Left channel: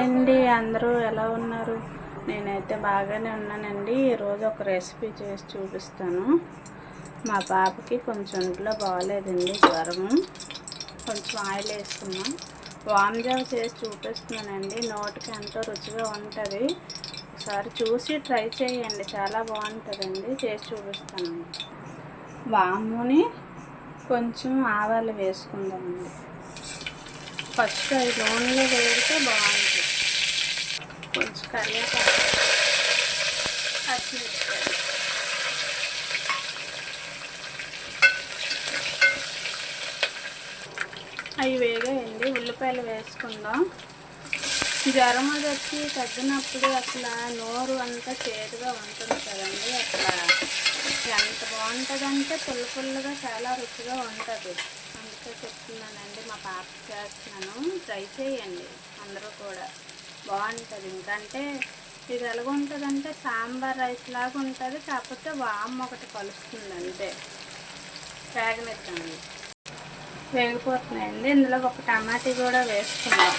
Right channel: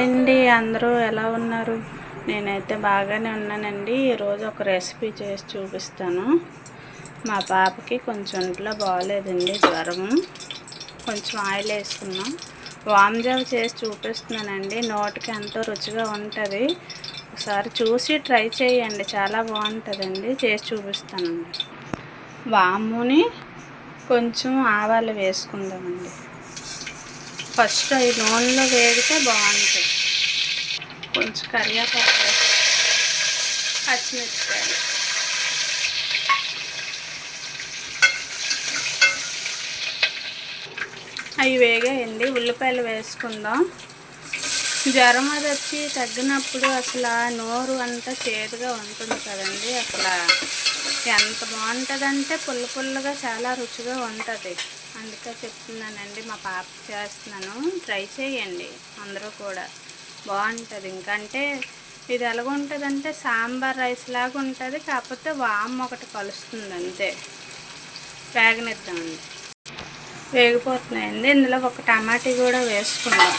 అండి అందరూ ఎలా ఉన్నారు? నేనైతే బాగానే ఉన్నానండి. ఈరోజు ఒక రెసిపీ చేసి చూపిస్తాను. మా పాపకి కొంచెం ఒంట్లో బాగోలేదండి, జ్వరము. కొంచెం ఆయిల్ వేసుకున్నాం, వామ్ జావ చేసి చూపిస్తున్నానండి. నోటికి ఎంతో రుచిగా ఉంటుంది. ఒకసారి చూసి ట్రై చేయండి, చాలా బాగుంటుందండి. చేసి చూపిస్తానండి. వాముని కొంచెం ఆవాలు వేసుకుందామండి. ఫస్ట్ అవి నూనెలో వేడితే బాగుంటుంది. కొంచెం కరివేపాకు, పచ్చిమిరపకాయలు, అవి వేగాయండి. ఉల్లిపాయలు వేసుకుందాం. జ్వరం అది వచ్చి తగ్గినప్పుడు అసలు నోరు అంతా చేదుగా ఉంటుంది కదండి. అసలు ఎంత బాగుంటుందంటే పుల్ల పుల్లగా చాలా రుచిగా ఉంటుంది. అందుకే చెప్తున్నానండి, మా పాపకి చేస్తున్నాను. ట్రై చేయండి అందరూ కూడా, బాగుంటుంది. ఇంకంటే ఇది ఎలాగుంటుందంటే సాంబార్ రైస్ లాగా ఉంటుంది, కాకపోతే వామ్ ఒకటి కలుస్తుంది అంతే. వేగనిద్దామండి. వేగిపోతున్నాయండి. ఇందులో ఒక టమాటా కూడా వేసుకుందాం.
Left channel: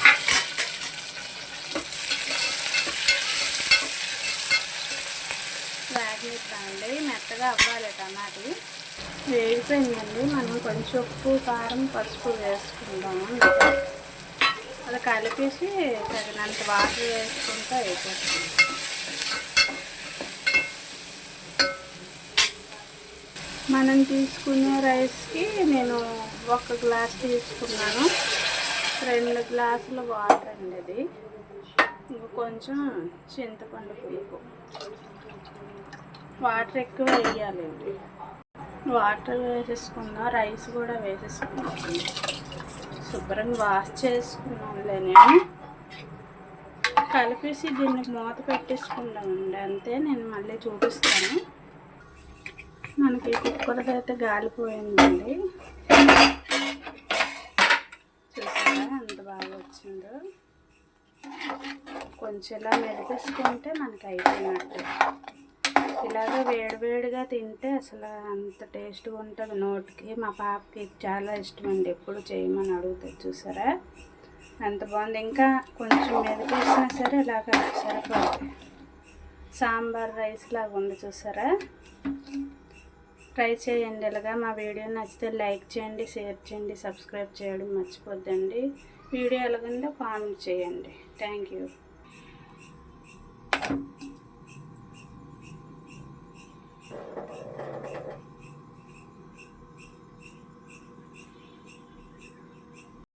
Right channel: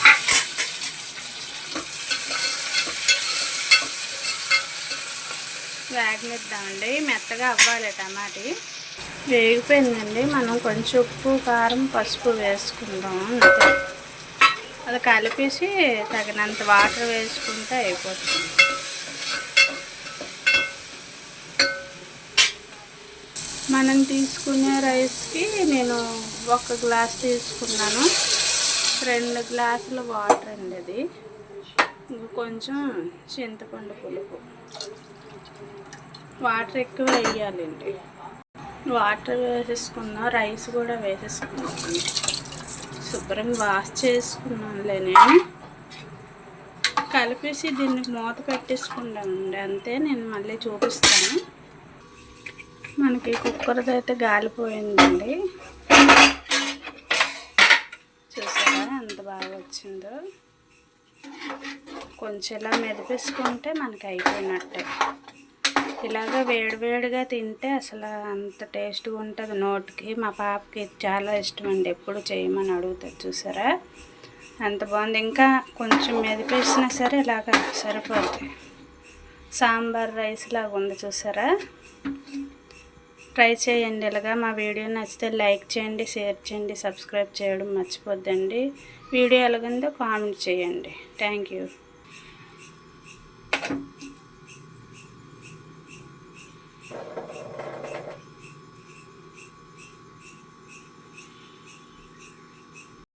వేగనిద్దామండి, మెత్తగా అవ్వాలి టమాటా. వేగిపోయిందండి. మనం కొంచెం ఉప్పు, కారం, పసుపు వేసుకుందాం అంతే. అది కలిపేసి తగినంత వాటర్ వేసుకుంటే అయిపోతుంది. మనం తీసుకునే రైస్కి నేను 1 గ్లాస్ తీసుకున్నాను. 2 గ్లాసుల వాటర్ అండి అది. ఇంక కొంచెం చింతపండు పులుపు. వాటర్ ఎక్కువ వేయాలండి. వాటర్ వేసేసుకుందాం, రైస్ కూడా వేసేసుకుందాం. శుభ్రంగా వాష్ చేసుకున్నానులే నేను. కలిపేసి దీన్ని మూత పెట్టేసుకుంటామండి అంతే. నేను మళ్ళీ చూపిస్తాను. మనకి కుక్కర్ది అయితే గాలిపోయిందండి. చూసారా ఎంత బాగా వచ్చిందో. కొంచెం ఇలా మెదిపేసుకుంటే మనకి అయిపోయినట్టే. ఇలాగ వేడివేడిగా తింటే అసలు అంత టేస్ట్గా ఉంటుంది నోటికి. మా పాపకి చాలా ఇష్టం అండి, ఎప్పుడు చేయమని అడుగుతుంది. చూసారా ఎంత బాగుంది. ఇంకా కొంచెం మెదిపేసినా సరే ఇలాగ సరిపోతుంది. సాంబార్ రైస్ లాగా ఉంది చూసారా. ట్రై చేయండి ఇలాగా. మా వీడియో నచ్చితే లైక్ చేయండి, షేర్ చేయండి, సబ్స్క్రైబ్ చేయడం మర్చిపోద్దండి. వీడియో ఎలాగుందో కామెంట్ చేయండి. Thank you.